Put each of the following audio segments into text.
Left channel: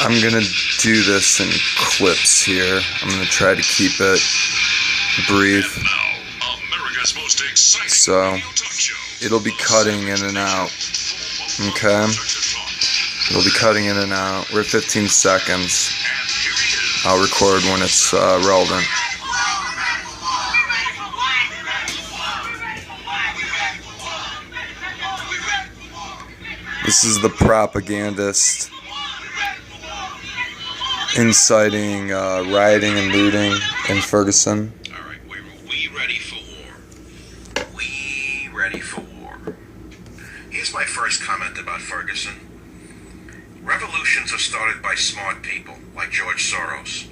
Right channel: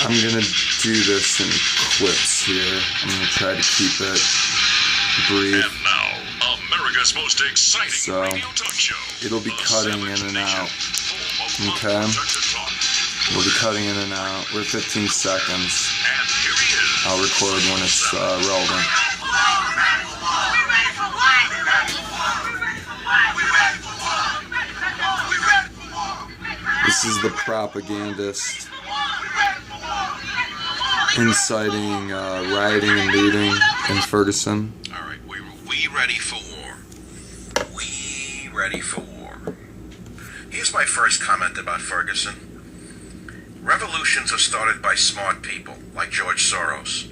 I'm gonna do this in clips here. I'm gonna try to keep it brief. So it'll be cutting in and out. Okay? It'll be cutting in and out. We're at 15 seconds. I'll record when it's relevant. This is the propagandist inciting rioting and looting in Ferguson. All right, we ready for war. We ready for war. Here's my first comment about Ferguson. Revolutions are started by smart people, like George Soros,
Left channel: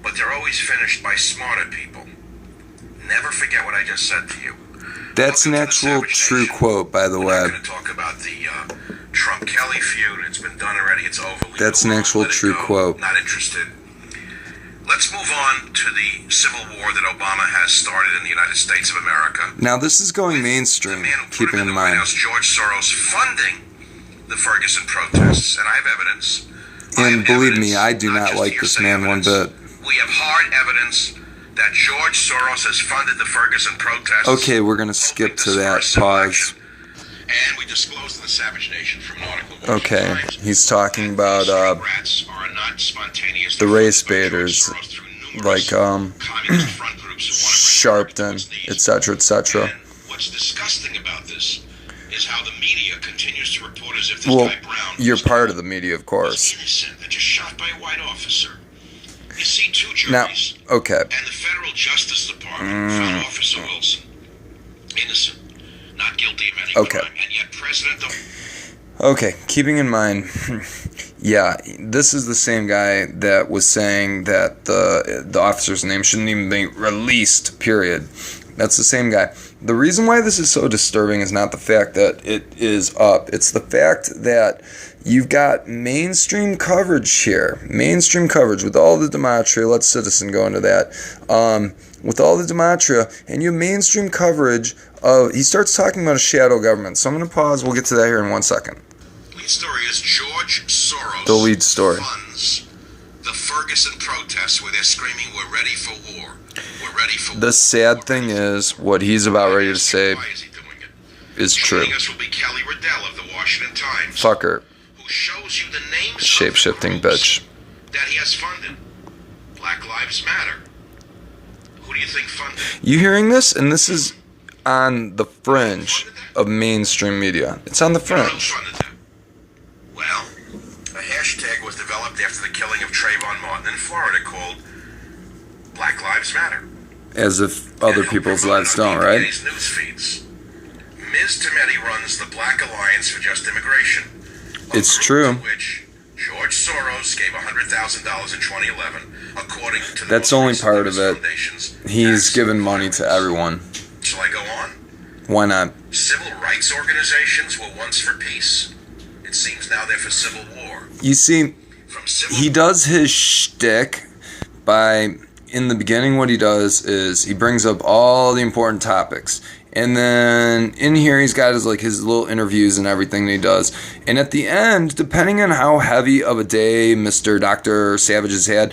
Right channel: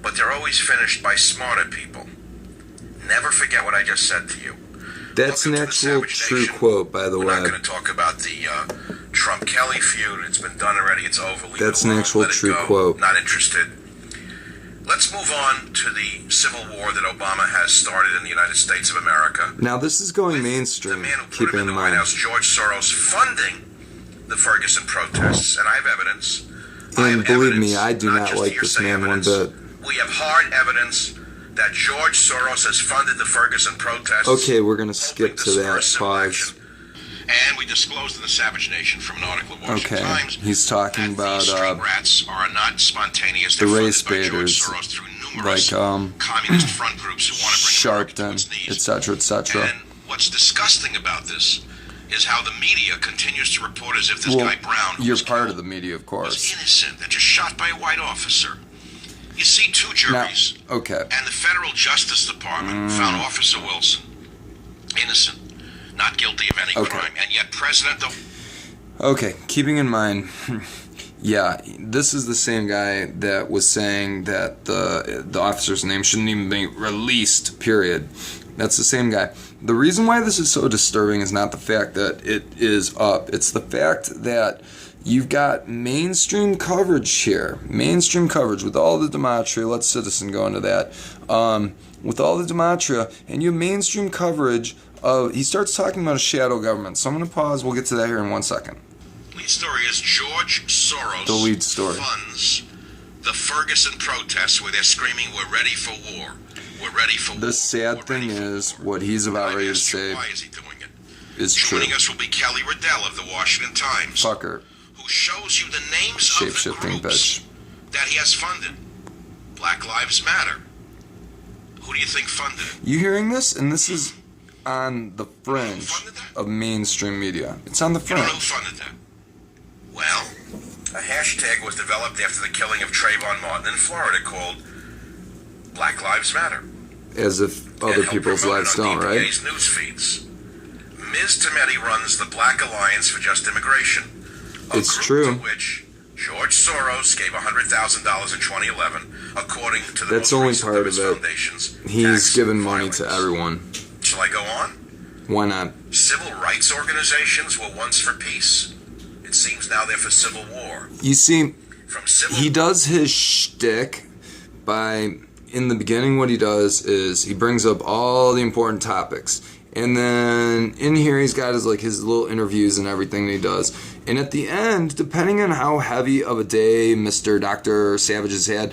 but they're always finished by smarter people. Never forget what I just said to you. That's an actual true quote, by the way. We're not going to talk about the Trump-Kelly feud. It's been done already. It's over. That's an actual true quote. Not interested. Let's move on to the civil war that Obama has started in the United States of America. Now, this is going mainstream, keeping in mind. George Soros funding the Ferguson protests, and I have evidence. And believe me, I do not like this man one bit. We have hard evidence that George Soros has funded the Ferguson protests. Okay, we're going to skip to that. Pause. And we disclosed to the Savage Nation from an article. Okay, he's talking about the race baiters, like Sharpton, etc., etc. And what's disgusting about this is how the media continues to report as if this guy Brown, you're part of the media, of course, was innocent and just shot by a white officer. You see, two juries now, okay, and the Federal Justice Department found Officer Wilson innocent, not guilty of any crime, and yet President. Okay, keeping in mind, yeah, this is the same guy that was saying that the officer's name shouldn't even be released, period. That's the same guy. The reason why this is so disturbing is not the fact that it is up. It's the fact that you've got mainstream coverage here. Mainstream coverage with all the Dematria. Let Citizen go into that. With all the Dematria, and you have mainstream coverage of, he starts talking about a shadow government. So I'm going to pause. We'll get to that here in 1 second. The lead story is George Soros the lead story. Funds the Ferguson protests where they're screaming, "We're ready for war. We're ready for war." The sad thing is, what he's about ready to say is true. Joining us will be Kelly Riddell of the Washington Times. Fuck her. Who shows you the names Shape-shifting of the groups bitch that he has funded. Black Lives Matter. Who do you think funded? You hearing this? And this is on the fringe of mainstream media. It's on the fringe. Who funded them? Well, a hashtag was developed after the killing of Trayvon Martin in Florida called Black Lives Matter. As if other people's lives don't, right? News feeds. Ms. Tometi runs the Black Alliance for Just Immigration. It's true. To which George Soros gave $100,000 in 2011, according to the That's only part of it. He's given money to everyone. Shall I go on? Why not? Civil rights organizations were once for peace. It seems now they're for civil war. You see, he does his shtick by, in the beginning, what he does is he brings up all the important topics. And then in here, he's got his little interviews and everything that he does. And at the end, depending on how heavy of a day Mr. Dr. Savage has had,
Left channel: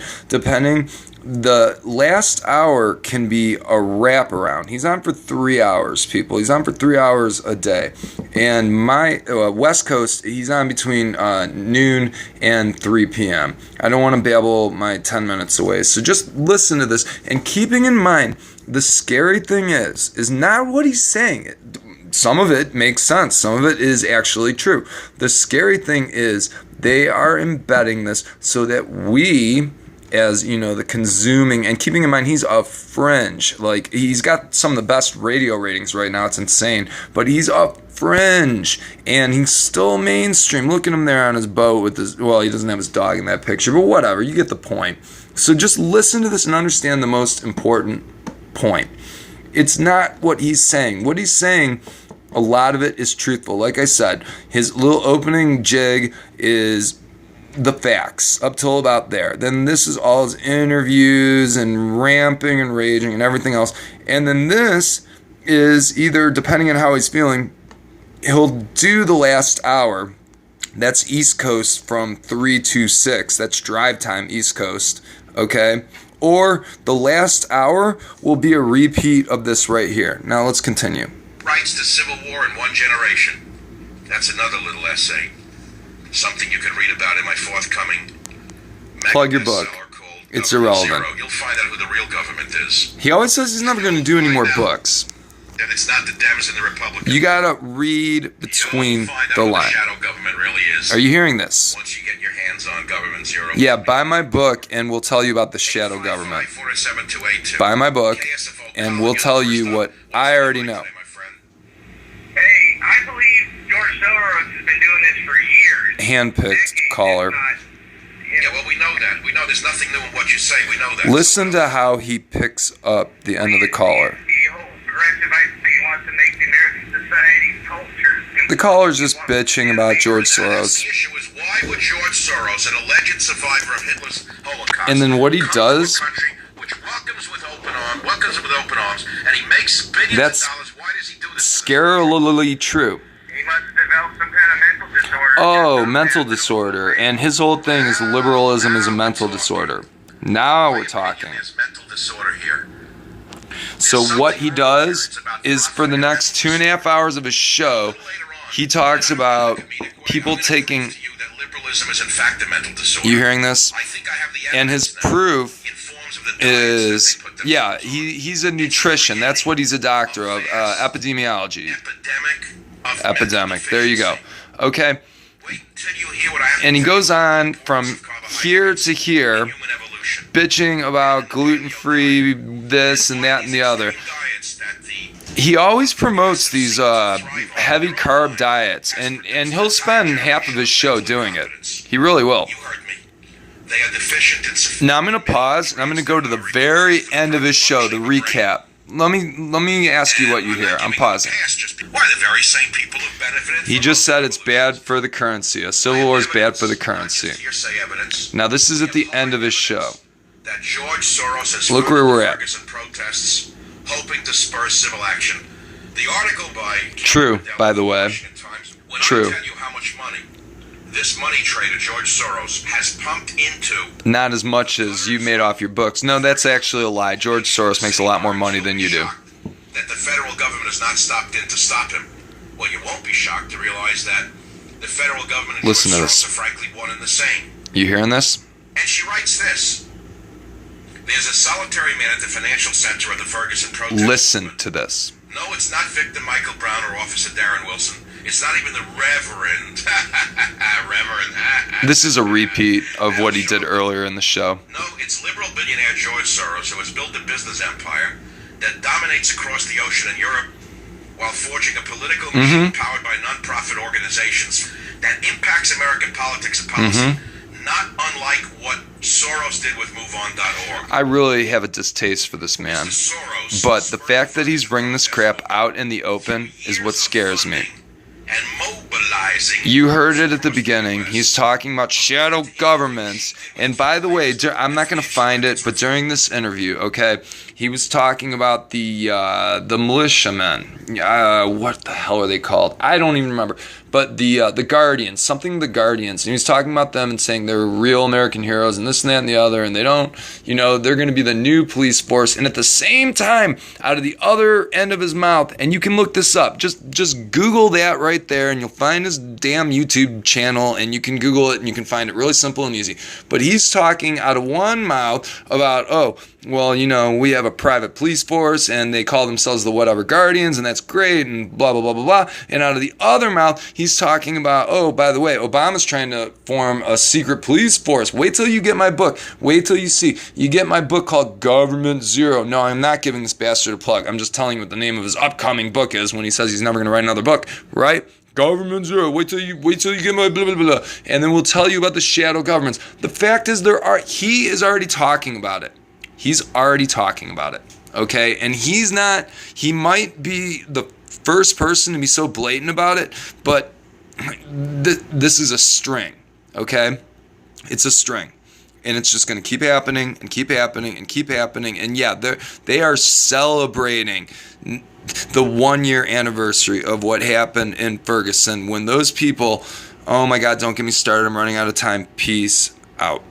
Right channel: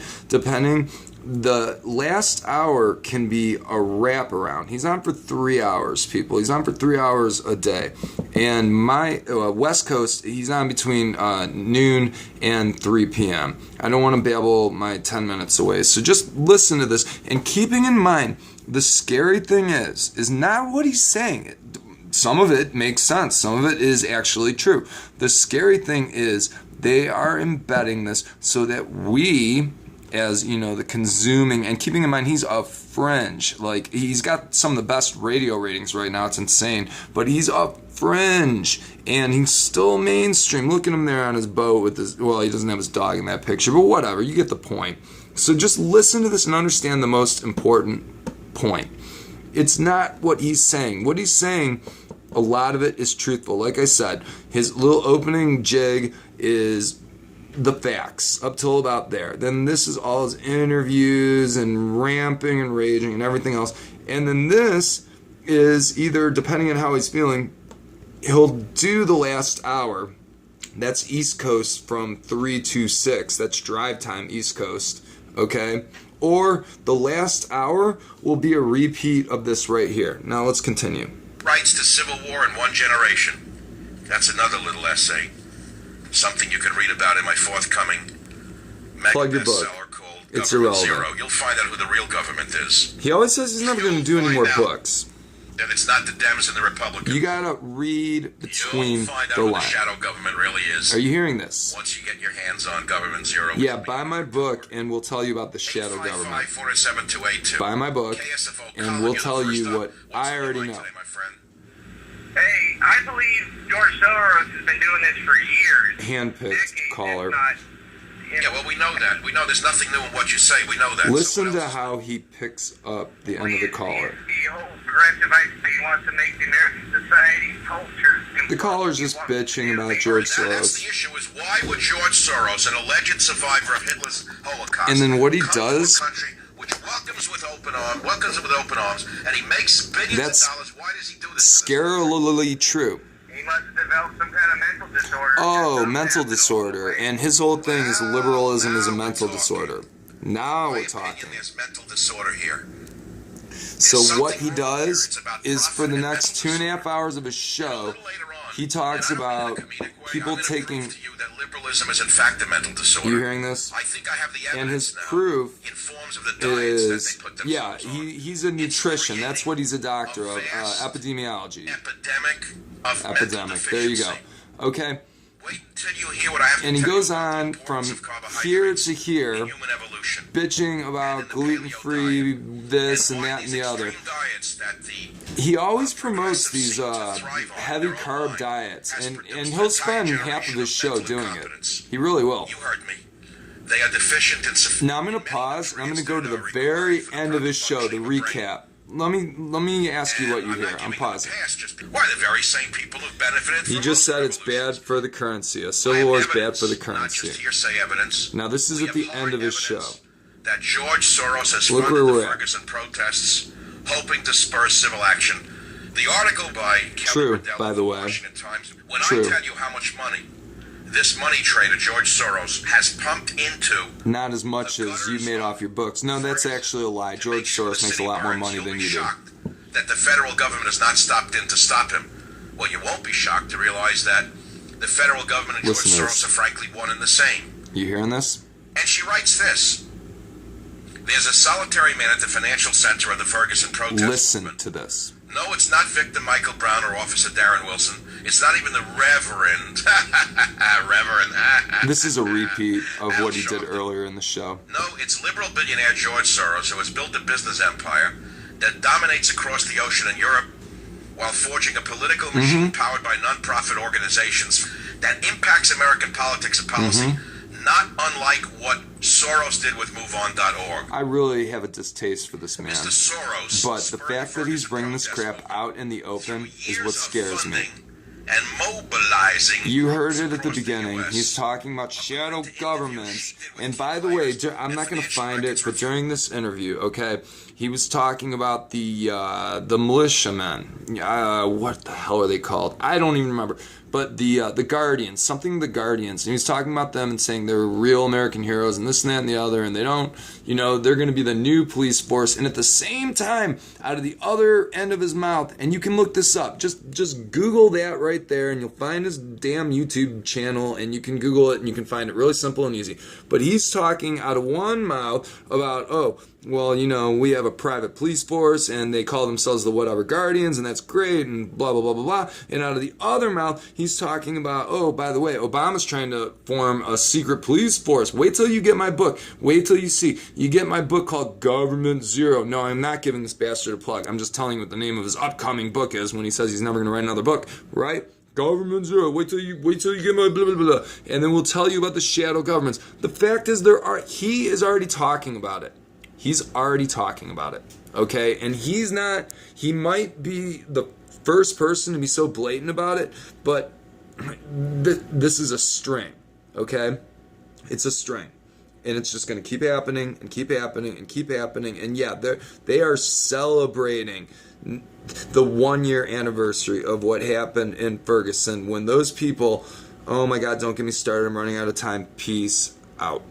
the last hour can be a wraparound. He's on for 3 hours, people. He's on for 3 hours a day. And my West Coast, he's on between noon and 3 p.m. I don't want to babble my 10 minutes away. So just listen to this. And keeping in mind, the scary thing is not what he's saying. Some of it makes sense. Some of it is actually true. The scary thing is they are embedding this so that we, as the consuming, and keeping in mind he's a fringe, he's got some of the best radio ratings right now. It's insane, but he's a fringe and he's still mainstream. Look at him there on his boat with his, he doesn't have his dog in that picture, but whatever, you get the point. So just listen to this and understand the most important point. It's not what he's saying. What he's saying, a lot of it is truthful. Like I said, his little opening jig is the facts up till about there. Then this is all his interviews and ramping and raging and everything else. And then this is either, depending on how he's feeling, he'll do the last hour That's East Coast from 3 to 6. That's drive time East Coast. Okay? Or the last hour will be a repeat of this right here. Now let's continue. Rights to Civil War in One Generation. That's another little essay. Something you can read about in my forthcoming Plug your book. called It's Government irrelevant. Zero. You'll find out who the real government is. He always says he's never going to do any more books. That it's not the Dems and the Republicans. You gotta read between You'll find out the who lines. the shadow government really is. Are you hearing this? Once you get your hands on Government Zero. Yeah, buy my book and we'll tell you about the shadow government. 855-407-282. Buy my book KSFO and we'll tell you what What's I the already line know. today, my friend? Hey, I believe George Soros has been doing this for years. Handpicked Decades, caller. if not, Yeah, well, we know that. We know there's nothing new in what you say. We know that. Listen to how he picks up the end of the caller. He holds progressive ideas. He wants to make the American society culture. The caller's just bitching about George That's Soros. the issue is why would George Soros, an alleged survivor of Hitler's Holocaust, And then what he come to does- a country which welcomes with open arms, and he makes billions That's of dollars. Why does he do this? scarily true. He must have developed some kind of mental disorder. Oh, mental disorder. And his whole thing is liberalism is a mental disorder. Now My we're talking. opinion, There's mental disorder here. So what he does is for the next 2.5 hours of his show, he talks about people taking. That liberalism is in fact a mental disorder. You hearing this? I think I have the And his evidence now proof in forms of the diets is, that they put themselves yeah, on. he's a nutrition. That's what he's a doctor of, epidemiology. Epidemic. There you go. Okay. Wait till you hear what I have to And he tell goes you on about the from importance of carbohydrates here to in here, human evolution. bitching about gluten-free this and that and the other. Diets that the He always promotes these heavy carb diets, and he'll spend half of his show doing it. He really will. You heard me. They are deficient in sufficient. Now I'm going to pause, and I'm going to go to the very end of his show to recap. Let me ask you what you hear. I'm pausing. Why the very same people who benefited? He just said it's bad for the currency. A civil war is bad for the currency. Hearsay evidence. Now this is at the end of his show. That George Soros has Look where we're at. Ferguson protests, hoping to spur civil action. The article by True, by the way. Washington Times, when True. I tell you how much money this money trader George Soros has pumped into Not as much as you made off your books. No, that's actually a lie. George Soros makes a lot more money than you do. That the federal government has not stopped in to stop him. Well, you won't be shocked to realize that the federal government and Listen to George this. Soros are frankly one and the same. You hearing this? And she writes this. There's a solitary man at the financial center of the Ferguson protest. Listen to this. No, it's not Victor Michael Brown or Officer Darren Wilson. It's not even the Reverend. Reverend. This is a repeat of what he did earlier in the show. No, it's liberal billionaire George Soros who has built a business empire that dominates across the ocean in Europe while forging a political machine powered by non-profit organizations that impacts American politics and policy. Not unlike what Soros did with MoveOn.org. I really have a distaste for this man. Mr. Soros But the fact that he's bringing this crap out in the open is what scares me. And mobilizing. You heard it at the beginning. He's talking about shadow governments. And by the way, I'm not going to find it, but during this interview, okay, he was talking about the militiamen. What the hell are they called? I don't even remember. But the Guardians, something the Guardians. And he was talking about them and saying they're real American heroes and this and that and the other. And they don't, they're going to be the new police force. And at the same time, out of the other end of his mouth, and you can look this up. Just Google that right there and you'll find his damn YouTube channel. And you can Google it and you can find it really simple and easy. But he's talking out of one mouth about, we have a private police force and they call themselves the whatever Guardians and that's great and blah, blah, blah, blah, blah. And out of the other mouth, he's talking about, by the way, Obama's trying to form a secret police force. Wait till you get my book. Wait till you see. You get my book called Government Zero. No, I'm not giving this bastard a plug. I'm just telling you what the name of his upcoming book is when he says he's never going to write another book, right? Government Zero. Wait till you get my blah, blah, blah. And then we'll tell you about the shadow governments. The fact is he is already talking about it. He's already talking about it, okay? And he might be the first person to be so blatant about it, but this is a string, okay? It's a string. And it's just going to keep happening and keep happening and keep happening. And yeah, they are celebrating the 1-year anniversary of what happened in Ferguson when those people Oh my God, don't get me started. I'm running out of time. Peace out.